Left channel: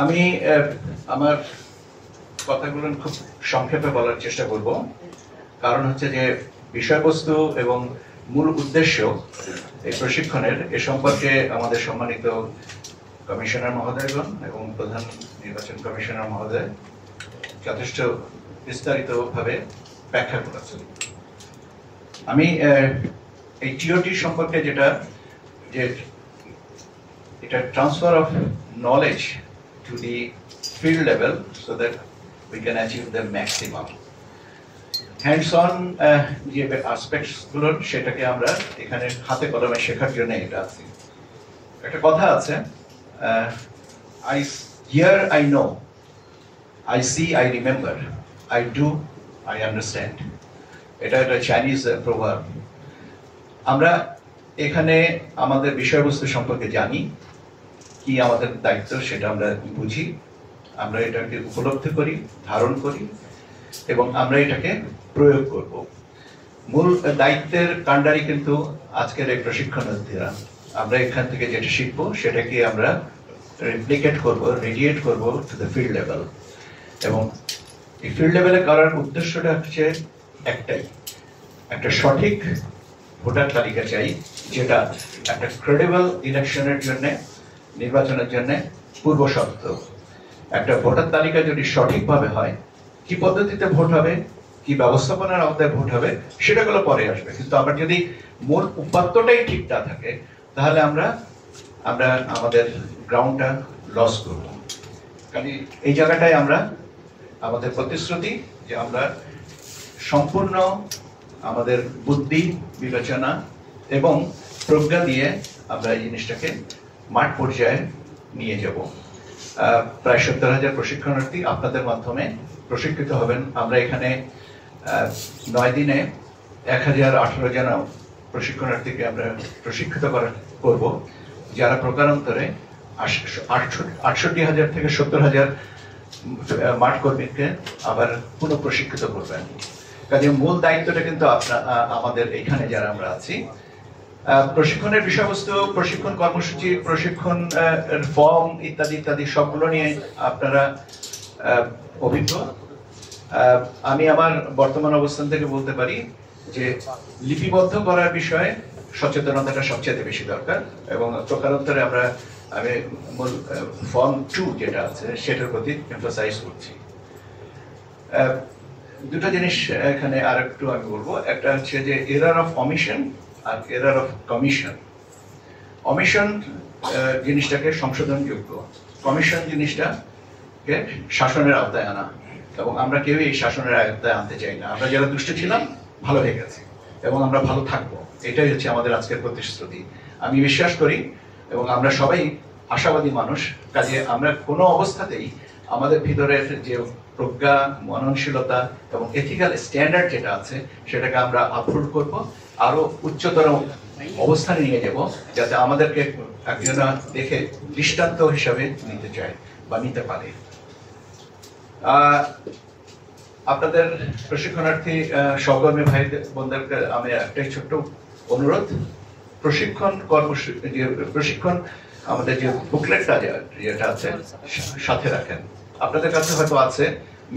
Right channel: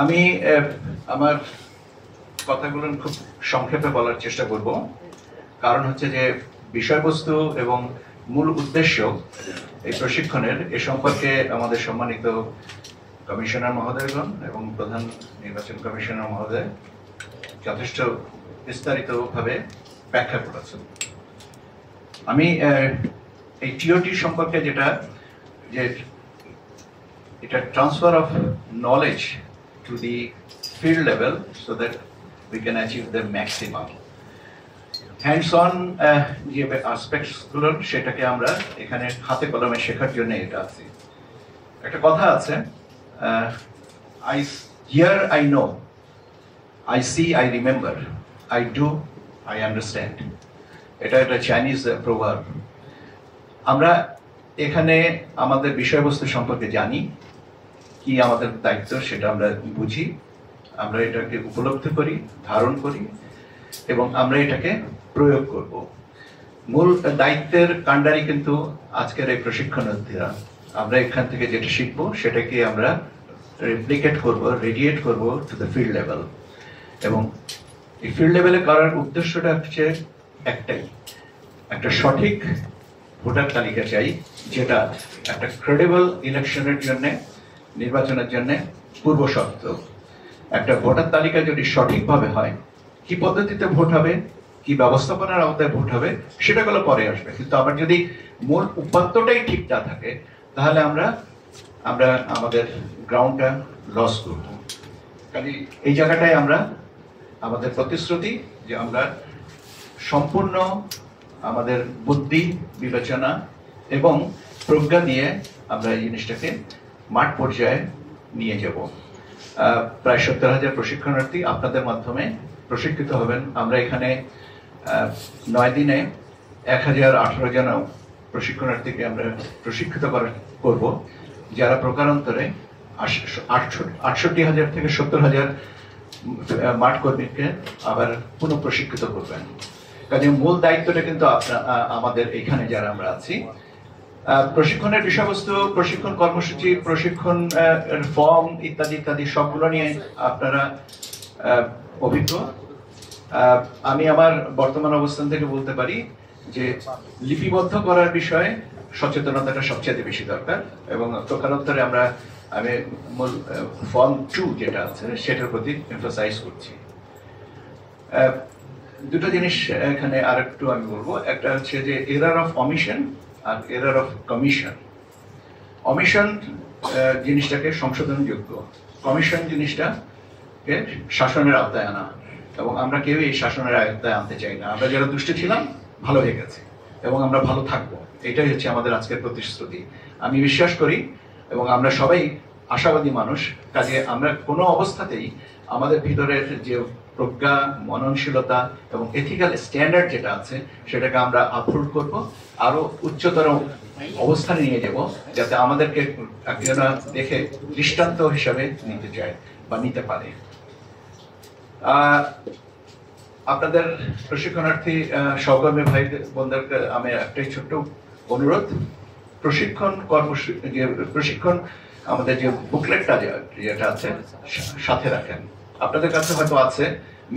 আমি আমার কথাগুলো খুব সংক্ষেপে বলার চেষ্টা করব। কারণ হচ্ছে যে বিষয়বস্তু এবং মূল উদ্দেশ্য এই প্রশিক্ষণের এ সম্পর্কে আমাদের সম্মানিত কমিশনার মহোদয়গণ এবং প্রধান নির্বাচন কমিশনার মহোদয় যথেষ্ট বিস্তারিতভাবে ব্যাখ্যা করেছেন। আমি এই টিওটি সম্পর্কে যেটা যে এটা transfer of knowledge to the field level so that we can achieve the maximum. Hands-on যে aspects গুলো সেটাকে আমরা এখানে হাতে কলমে শেখার জন্য এটা আছে। একটা কথা আছে, I hear, I know, I see, I remember, I do, I understand. এটা একটা চাইনিজ প্রভাব। আমরা এখানে আমাদের বিষয়বস্তু সম্পর্কে জানি, কি আমাদের দায়িত্ব সেটা আমরা বুঝি, আমরা এটাকে উপলব্ধি করি, ধারণ করি এবং আমরা এটাকে প্রয়োগ করব। মূল দায়িত্বের কাণ্ডারি কিন্তু আজকের এই প্রশিক্ষণার্থীরা। আমরা এখান থেকে যেটা শিখবো সেটাকে আমরা রেপ্লিকেট করব, রেডিয়েট করব টু দ্য ফিল্ড লেভেল। এবং এই ফিল্ড লেভেলে করার উদ্দেশ্যটা হচ্ছে একটাই, একটা সঠিক ভোটার তালিকা চাই, যেটা একটা ক্রেডিবল ইলেকশনের জন্য, নির্বাচনের জন্য পূর্ব শর্ত। একটা ভোটার তালিকা যদি সঠিকভাবে হয়, কি পদ্ধতিতে ভোট হবে, কি ব্যবস্থাপনার আওতায় ভোট হবে, সেটাগুলো পরে আসবে। কিন্তু আবার যদি মূল উপাত্তটাই ঠিক না থাকে, তাহলে আমরা আমাদের গ্রাউন্ডটা লস করব। কাজে এই জায়গাটায় আমরা আমাদের প্রতিশ্রুতি যে আমরা সম্পূর্ণ আমাদের বুদ্ধি, বিবেচনা এবং প্রজ্ঞা দিয়ে আমরা এই জিনিসটাকে মাঠ পর্যায়ে নিয়ে যাব। প্রায় 70,000 প্রশিক্ষণার্থী আপনাদের মাধ্যমে প্রশিক্ষিত হবেন। আমরা এখানে 9 দিনে 1018 জন প্রশিক্ষণার্থীকে আমরা প্রশিক্ষিত করব, যারা প্রকারান্তরে 68,000 থেকে 70,000 মাঠ কর্মীকে আবার পুনঃ প্রশিক্ষিত করবেন। কাজে মূল দায়িত্বটা কিন্তু আমাদের এখানে যারা আমরা আছি। প্রশিক্ষণের বিষয়বস্তু, প্রশিক্ষণ কর্মসূচি, প্রশিক্ষণ ফর্ম ইত্যাদি ইত্যাদি সবগুলো নিয়ে আপনারা অভিজ্ঞ। আমি আমার বর্তমান অবস্থান থেকে বলতে পারি যে লিপিবদ্ধ করার বিষয়ে সচেতনতাটা সবচেয়ে বেশি দরকার এবং প্রকারান্তরে আমি মূল ফর্ম 2 যেটা আছে সেটার প্রতি এমফাসাইজ করছি। দুটো জিনিস এখানে আরেকটু আমি বলবো। একটা হচ্ছে যে এরার অফ অমিশন আর এরার অফ কমিশন। অমিশন জিনিসটাকে সংশোধনযোগ্য, কমিশন জিনিসটাকে শাসনের আওতায় আনা, এবং আমরা কেউ এই শাসনের আওতায় আনতে চাই না। আমরা যারা দুষ্ট ছিলাম ভালো হয়ে গেছে এবং আমরা ভালো থাকবো, এটাই হচ্ছে আমাদের আজকের প্রতিশ্রুতি। আমি বিশ্বাস করি এবং আমরা সবাই আশাবাদী মানুষ। কাজে আমরা কোনো অবস্থাতেই আমাদের ভিতরের যে প্রজ্ঞা, মননশীলতা এবং এথিক্যাল স্ট্যান্ডার্ড যেটা আছে সেটাকে আমরা আপহোল্ড করব, আরো উচ্চতর অবস্থানে নিয়ে যাব, যাতে আমাদেরকে একজনা দেখে দৃষ্টান্ত হিসাবে নিতে চায় বা নিতে পারে। আপনাদের প্রশিক্ষণার্থী সহকর্মী ভাই বোনদেরকে আমি একটাই ছোট্ট অনুরোধ, প্রশিক্ষণ প্রশিক্ষণ আমাদের যে বুকলেটটা যেটা আছে সাথে রাখেন। আপনাদের কাছে হয়তো আছে,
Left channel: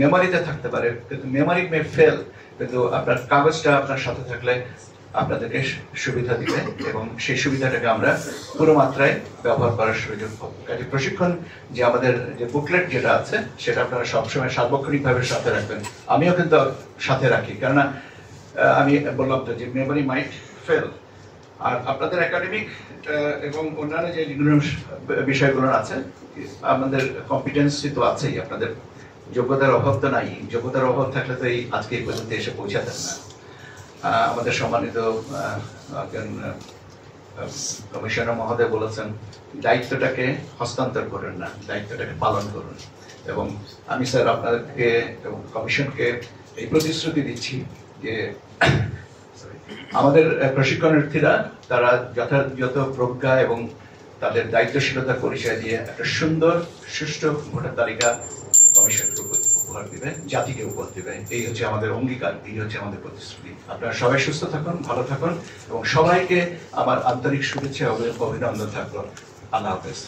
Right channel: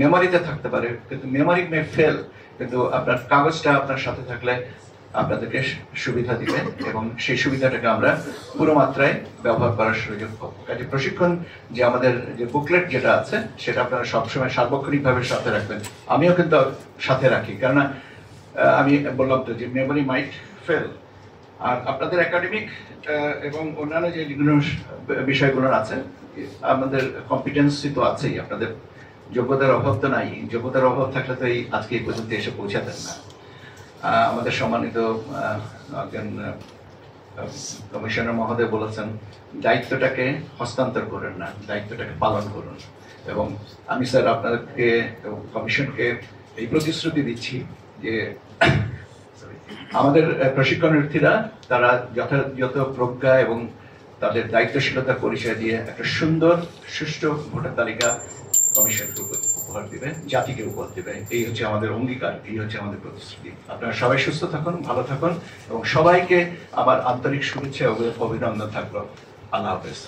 মেমোরিতে থাকতে পারে, কিন্তু মেমোরি মে ফেল, কিন্তু আপনার কাগজটা আপনার সাথে থাকলে আপনাদেরকে সুবিধা দিবে এবং সেই সুবিধাটাকে আমরা পুরো মাত্রায় ব্যবহার করার সুযোগ পাবো। কাজে প্রশিক্ষণ যে আমাদের যে বুকলেট যেটা আছে সেটা আপনারা সবসময় সার্বক্ষণিকভাবে সাথে রাখবেন। আমিও কিন্তু সাথে রাখি, কেননা আমি বললাম তো যে মেমোরি মাইট ফেল। আর আপনাদের একাডেমিক এবং অন্যান্য যে বিষয়গুলো আছে, আমাদের কম্পিটেন্সি তো আছেই, আপনাদের যোগ্যতার অভাব তো নাই। যোগ্যতার অভাব থাকলে তো এই আজকে এই পর্যন্ত এসে পৌঁছাতেন না। আমাদের সম্মানিত কমিশনার মহোদয় বলেছেন, দায়িত্বটাকে হস্তান্তর করেন না, দায়িত্বটাকে পালন করুন। এবং আমি স্যার আপনাদেরকে এবং কমিশনকে এই প্রতিশ্রুতি দিচ্ছি যে আমাদের প্রশিক্ষণার্থীরা তারা যথাযথ প্রজ্ঞা এবং তাদের দায়িত্বশীলতার পরিচয় দিয়ে একটা সুন্দর সুষ্ঠু ভোটার তালিকা কমিশনকে উপহার দিবে, জাতিকে উপহার দিবে। এই হচ্ছে আমাদের অঙ্গীকার, এই হচ্ছে আমাদের প্রতিশ্রুতি। আপনারা সবাই সুস্থ থাকুন, ভালো থাকুন এবং সবাইকে আমার আন্তরিক শুভেচ্ছা ও অভিনন্দন থাকলো। আল্লাহ হাফেজ।